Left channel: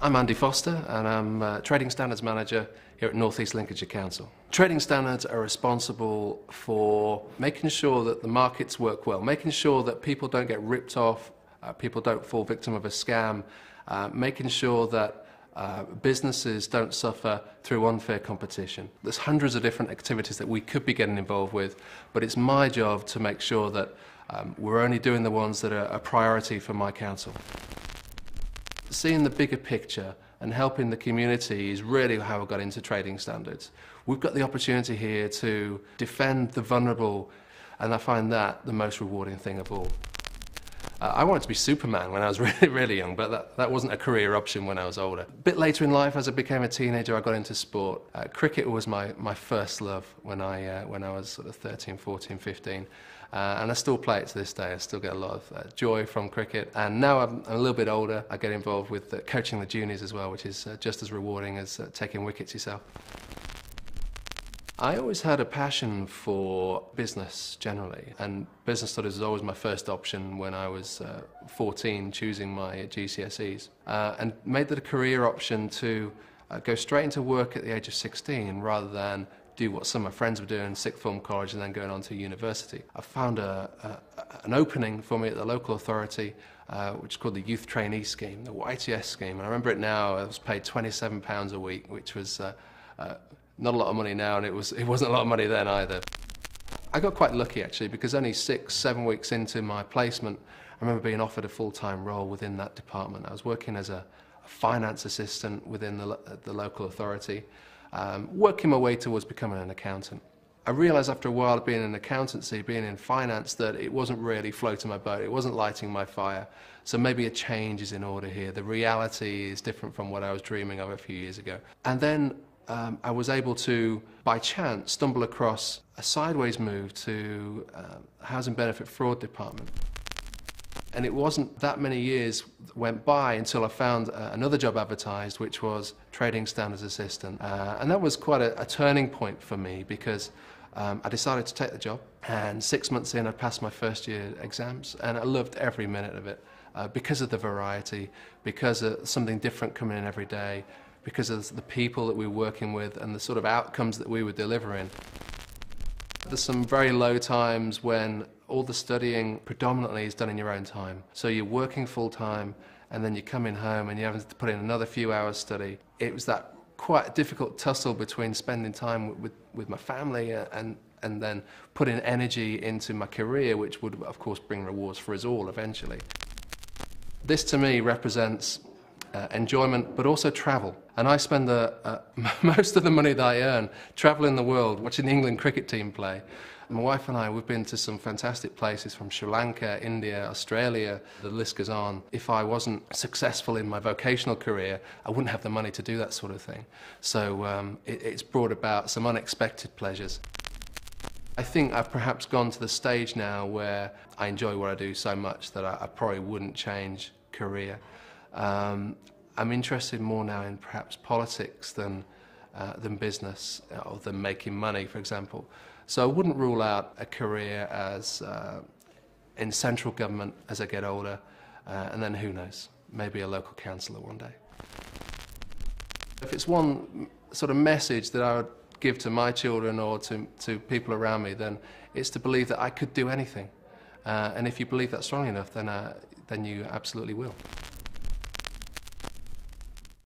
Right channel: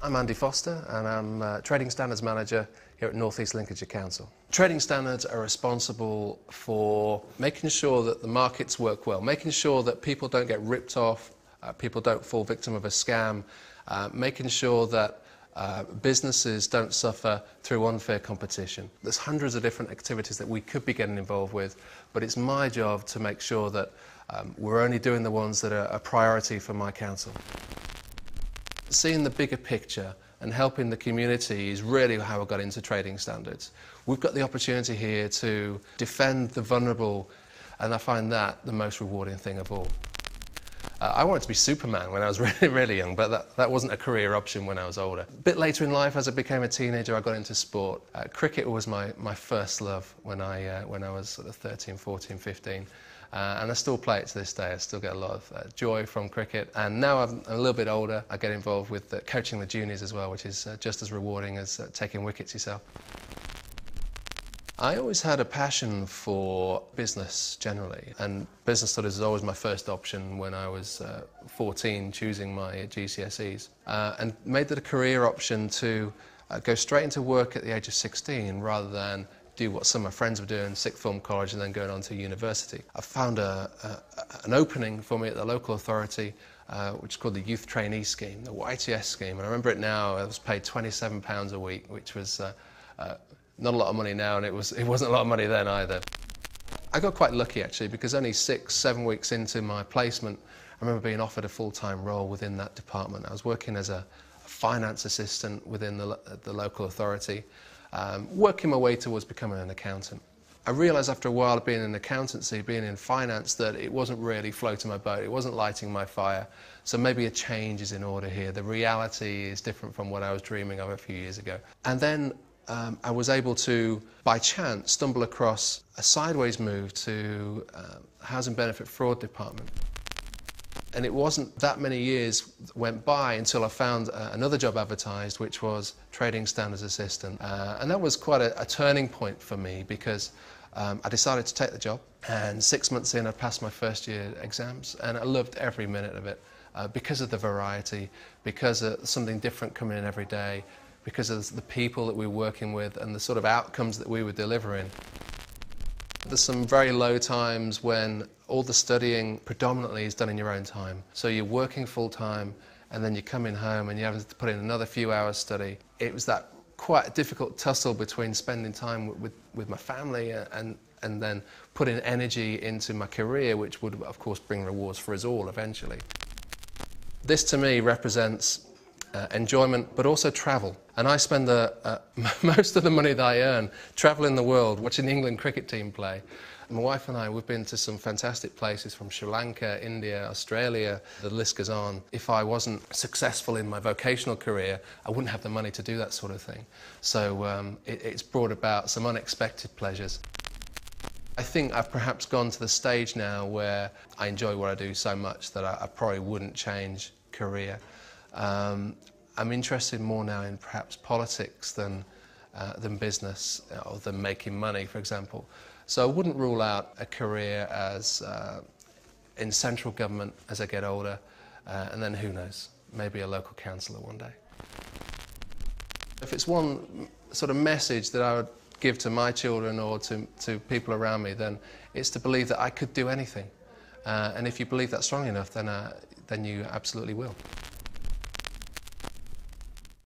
I'm Andy Foster and I'm Trading Standards Manager here at North East Lincolnshire Council. Trading standards are responsible for making sure that the markets work well, making sure that people don't get ripped off, people don't fall victim of a scam, making sure that businesses don't suffer through unfair competition. There's hundreds of different activities that we could be getting involved with, but it's my job to make sure that we're only doing the ones that are a priority for my council. Seeing the bigger picture and helping the community is really how I got into trading standards. We've got the opportunity here to defend the vulnerable, and I find that the most rewarding thing of all. I wanted to be Superman when I was really young, but that wasn't a career option when I was older. A bit later in life, as I became a teenager, I got into sport. Cricket was my first love when I was sort of 13, 14, 15. And I still play it to this day. I still get a lot of joy from cricket. And now I'm a little bit older, I get involved with coaching the juniors as well, which is just as rewarding as taking wickets yourself. I always had a passion for business generally, and business studies was always my first option when I was 14, choosing my GCSEs, and made that a career option to go straight into work at the age of 16 rather than do what some of my friends were doing, sixth form college and then going on to university. I found an opening for me at the local authority, which is called the Youth Trainee Scheme, the YTS scheme, and I remember it now. I was paid £27 a week, which was not a lot of money now, and it wasn't a lot of money then either. I got quite lucky actually, because only 6-7 weeks into my placement, I remember being offered a full-time role within that department. I was working as a finance assistant within the local authority, working my way towards becoming an accountant. I realised after a while of being in accountancy, being in finance, that it wasn't really floating my boat, it wasn't lighting my fire. So maybe a change is in order here. The reality is different from what I was dreaming of a few years ago. And then I was able to, by chance, stumble across a sideways move to Housing Benefit Fraud Department. And it wasn't that many years went by until I found another job advertised, which was Trading Standards Assistant. And that was quite a turning point for me, because I decided to take the job. And 6 months in, I passed my first year exams, and I loved every minute of it because of the variety, because of something different coming in every day, because of the people that we were working with and the sort of outcomes that we were delivering. There's some very low times when all the studying predominantly is done in your own time. So you're working full time and then you're coming home and you're having to put in another few hours study. It was that quite difficult tussle between spending time with my family and then putting energy into my career, which would of course bring rewards for us all eventually. This to me represents enjoyment, but also travel. And I spend most of the money that I earn travelling the world, watching the England cricket team play. My wife and I, we've been to some fantastic places, from Sri Lanka, India, Australia, the list goes on. If I wasn't successful in my vocational career, I wouldn't have the money to do that sort of thing. So it's brought about some unexpected pleasures. I think I've perhaps gone to the stage now where I enjoy what I do so much that I probably wouldn't change career. I'm interested more now in perhaps politics than business, or than making money, for example. So I wouldn't rule out a career as in central government as I get older, and then who knows, maybe a local councillor one day. If it's one sort of message that I would give to my children or to people around me, then it's to believe that I could do anything. And if you believe that strong enough, then you absolutely will.